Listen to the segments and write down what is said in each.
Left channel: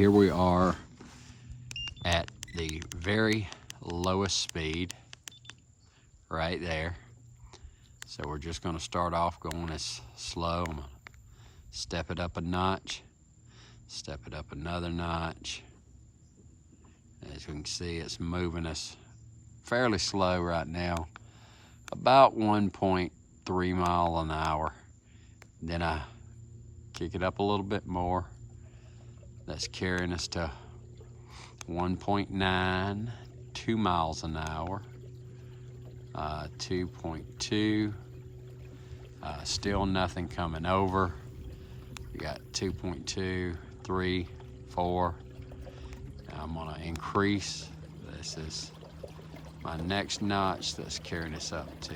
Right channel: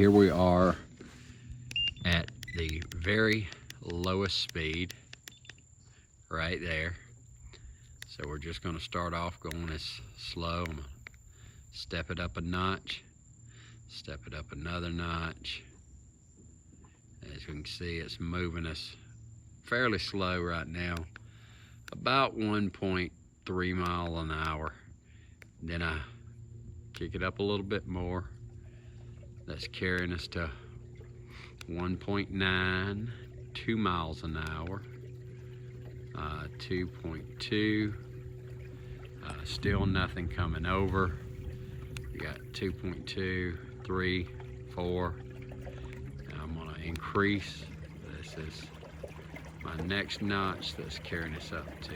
here we are at the very lowest speed right there. So we're just going to start off going as slow. I'm gonna step it up a notch, step it up another notch. As you can see, it's moving us fairly slow right now, about 1.3 miles an hour. Then I kick it up a little bit more. That's carrying us to 1.9, 2 miles an hour, 2.2, still nothing coming over. We got 2.2, 3, 4. Now I'm gonna increase. This is my next notch that's carrying us up to,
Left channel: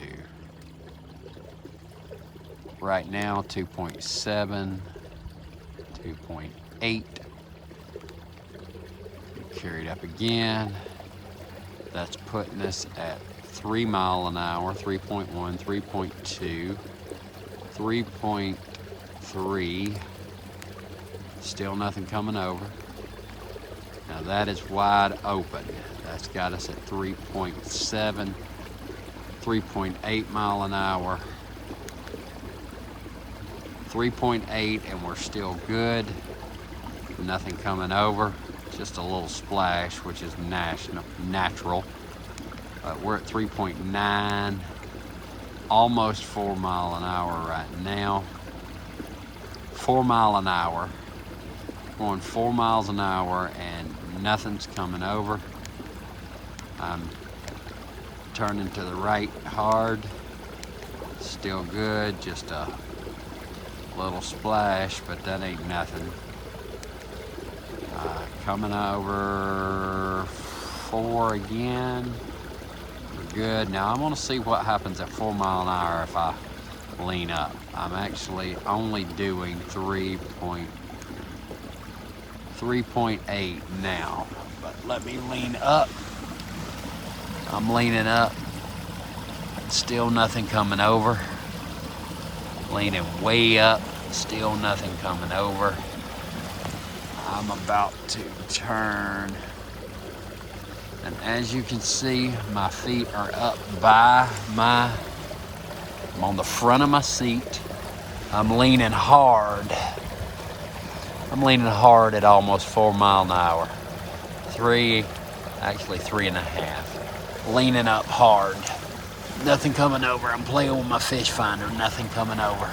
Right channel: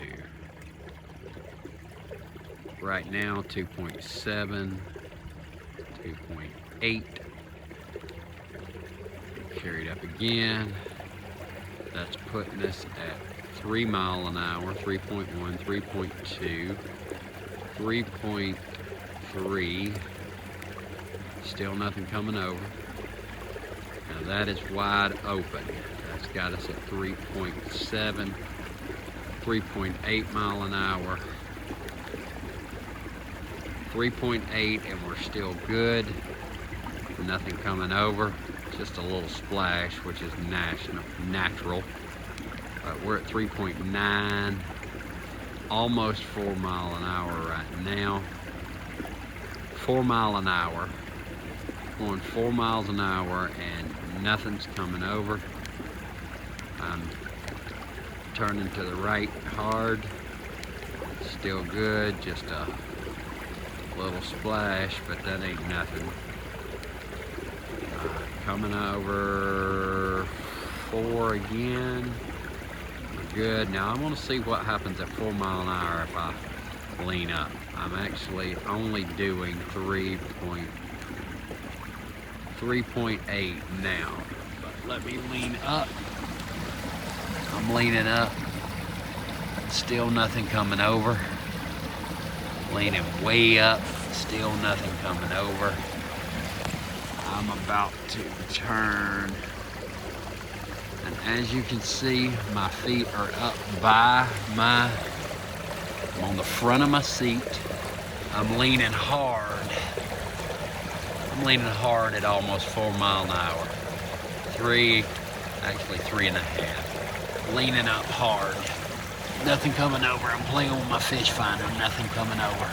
right now, 2.7, 2.8. Carried up again. That's putting us at 3 miles an hour, 3.1, 3.2, 3.3. Still nothing coming over. Now that is wide open. That's got us at 3.7, 3.8 mile an hour, 3.8, and we're still good. Nothing coming over. Just a little splash, which is natural. But we're at 3.9, almost 4 mile an hour right now. 4 mile an hour, going 4 miles an hour, and nothing's coming over. I'm turning to the right hard, still good, just a little splash, but that ain't nothing. Coming over 4 again. We're good. Now I'm gonna see what happens at 4 mile an hour if I lean up. I'm actually only doing 3.8 now, but let me lean up. I'm leaning up. Still nothing coming over. Leaning way up. Still nothing coming over. I'm about to turn, and as you can see, my feet are up by I'm on the front of my seat. I'm leaning hard. I'm leaning hard at almost 4 mile an hour. 3.5. Leaning up hard. Nothing coming over. I'm playing with my fish finder. Nothing coming over.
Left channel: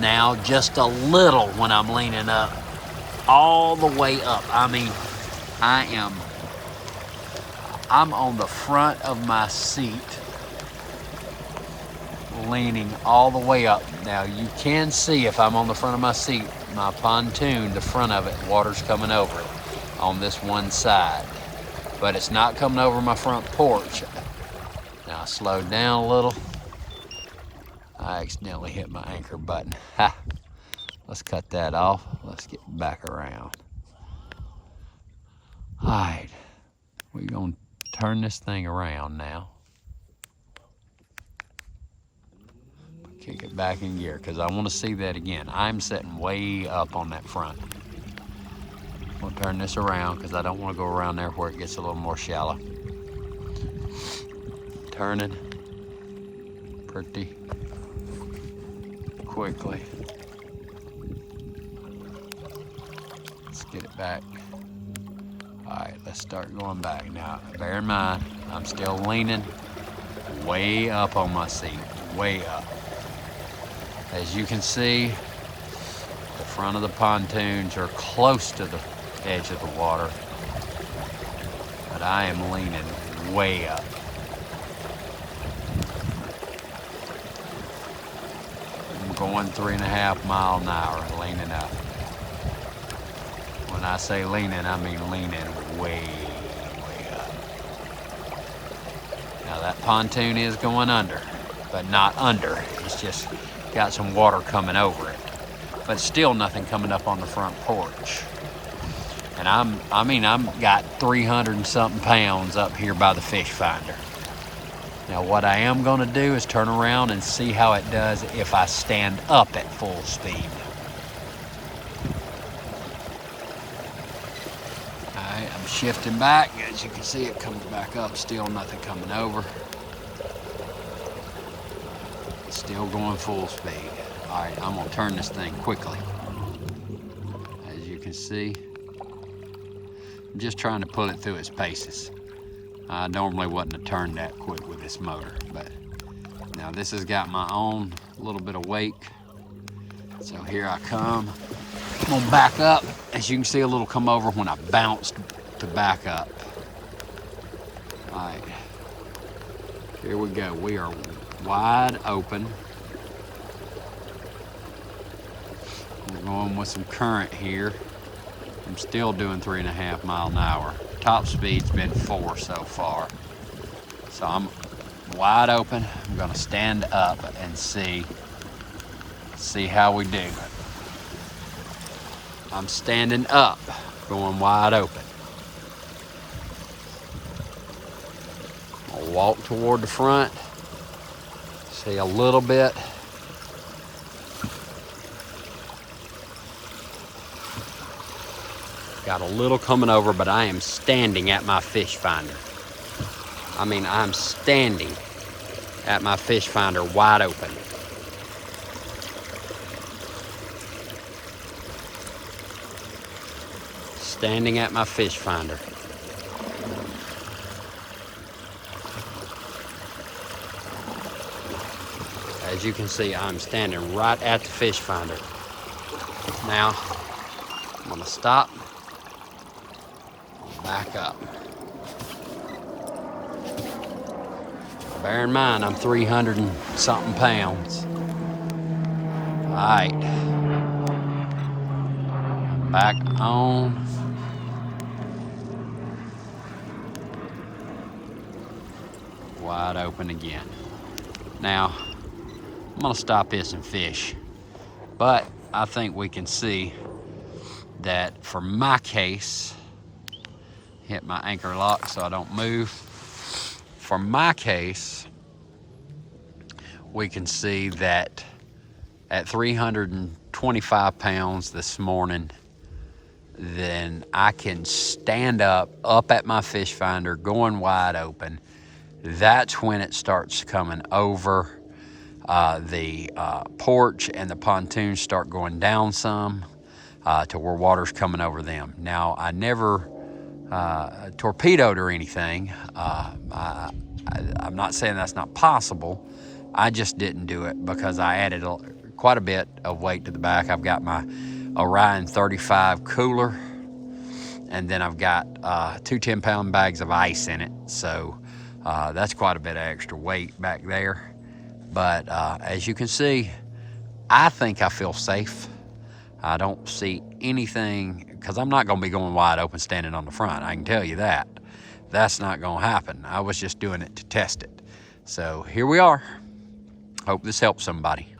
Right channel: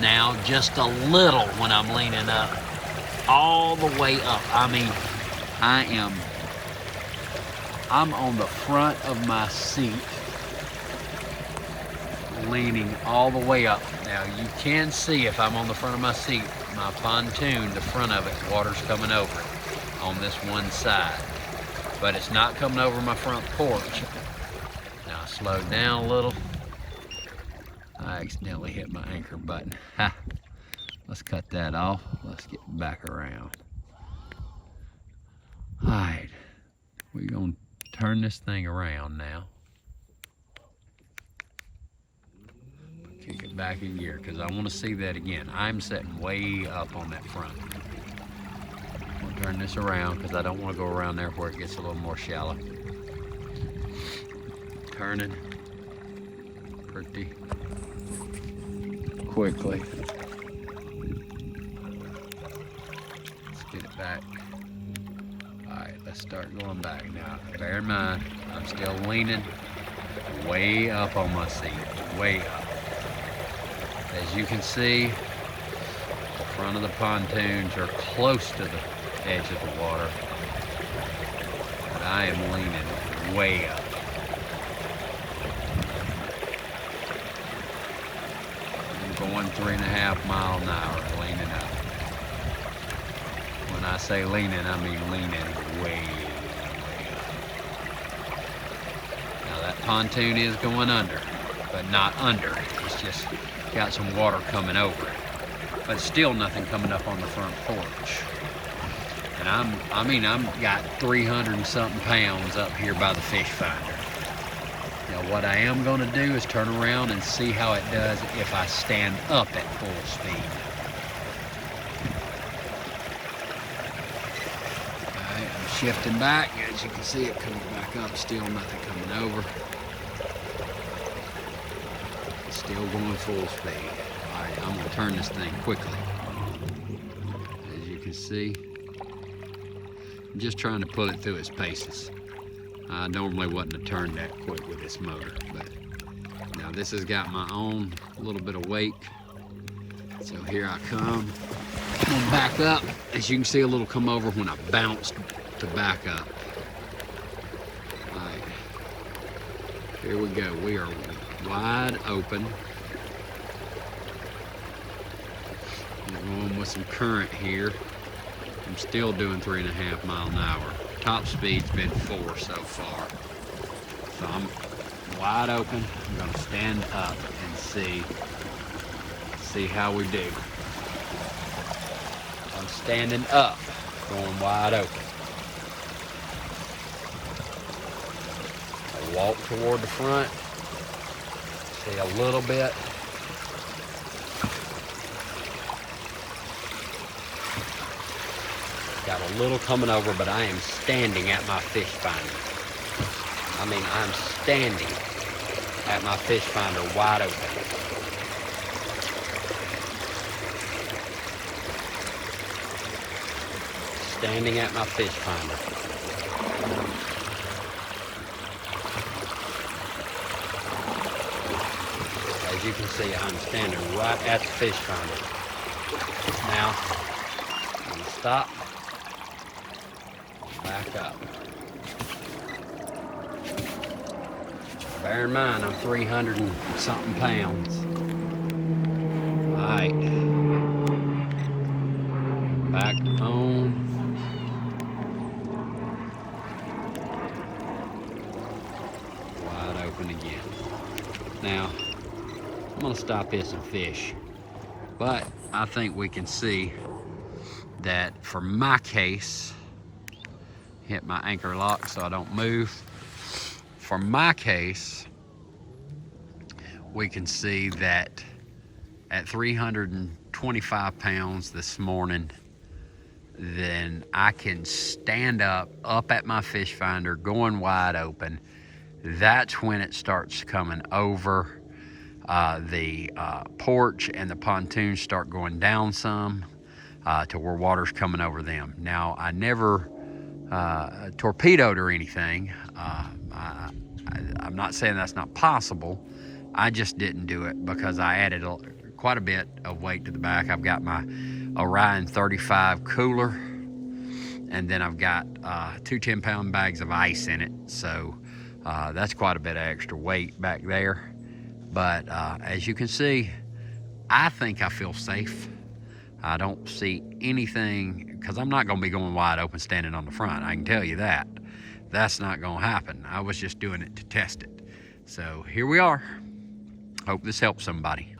Now just a little when I'm leaning up. All the way up. I mean, I'm on the front of my seat, leaning all the way up. Now you can see if I'm on the front of my seat, my pontoon, the front of it, water's coming over it on this one side, but it's not coming over my front porch. Now I slowed down a little. I accidentally hit my anchor button. Ha! Let's cut that off. Let's get back around. All right, we're gonna turn this thing around now. Kick it back in gear because I want to see that again. I'm sitting way up on that front. We'll turn this around because I don't want to go around there where it gets a little more shallow. Turning pretty quickly. Get it back. All right, let's start going back. Now, bear in mind, I'm still leaning way up on my seat, way up. As you can see, the front of the pontoons are close to the edge of the water, but I am leaning way up. I'm going 3.5 miles an hour, leaning up. When I say leaning, I mean leaning way up. Now that pontoon is going under, but not under. It's just got some water coming over it. But still nothing coming up on the front porch. And I'm got 300 and something pounds up here by the fish finder. Now what I am gonna do is turn around and see how it does if I stand up at full speed. Shifting back, as you can see, it comes back up, still nothing coming over. Still going full speed. All right, I'm gonna turn this thing quickly. As you can see, I'm just trying to pull it through its paces. I normally wouldn't have turned that quick with this motor, but now this has got my own little bit of wake. So here I come. I'm gonna back up. As you can see, a little come over when I bounced to back up. All right, here we go. We are wide open. We're going with some current here. I'm still doing 3.5 miles an hour. Top speed's been 4 so far. So I'm wide open. I'm gonna stand up and see how we do. I'm standing up, going wide open. I walk toward the front, see a little bit. Got a little coming over, but I am standing at my fish finder. I mean, I'm standing at my fish finder wide open. Standing at my fish finder. As you can see, I'm standing right at the fish finder. Now, I'm gonna stop, back up. Bear in mind, I'm 300 and something pounds. All right, back on. Wide open again. Now, I'm gonna stop this and fish, but I think we can see that for my case, hit my anchor lock so I don't move. For my case, we can see that at 325 pounds this morning, then I can stand up at my fish finder, going wide open. That's when it starts coming over. The porch and the pontoons start going down some to where water's coming over them. Now, I never torpedoed or anything. I'm not saying that's not possible. I just didn't do it because I added quite a bit of weight to the back. I've got my Orion 35 cooler, and then I've got 2 10-pound bags of ice in it. So that's quite a bit of extra weight back there. But as you can see, I think I feel safe. I don't see anything, because I'm not going to be going wide open standing on the front. I can tell you that. That's not going to happen. I was just doing it to test it. So here we are. Hope this helps somebody.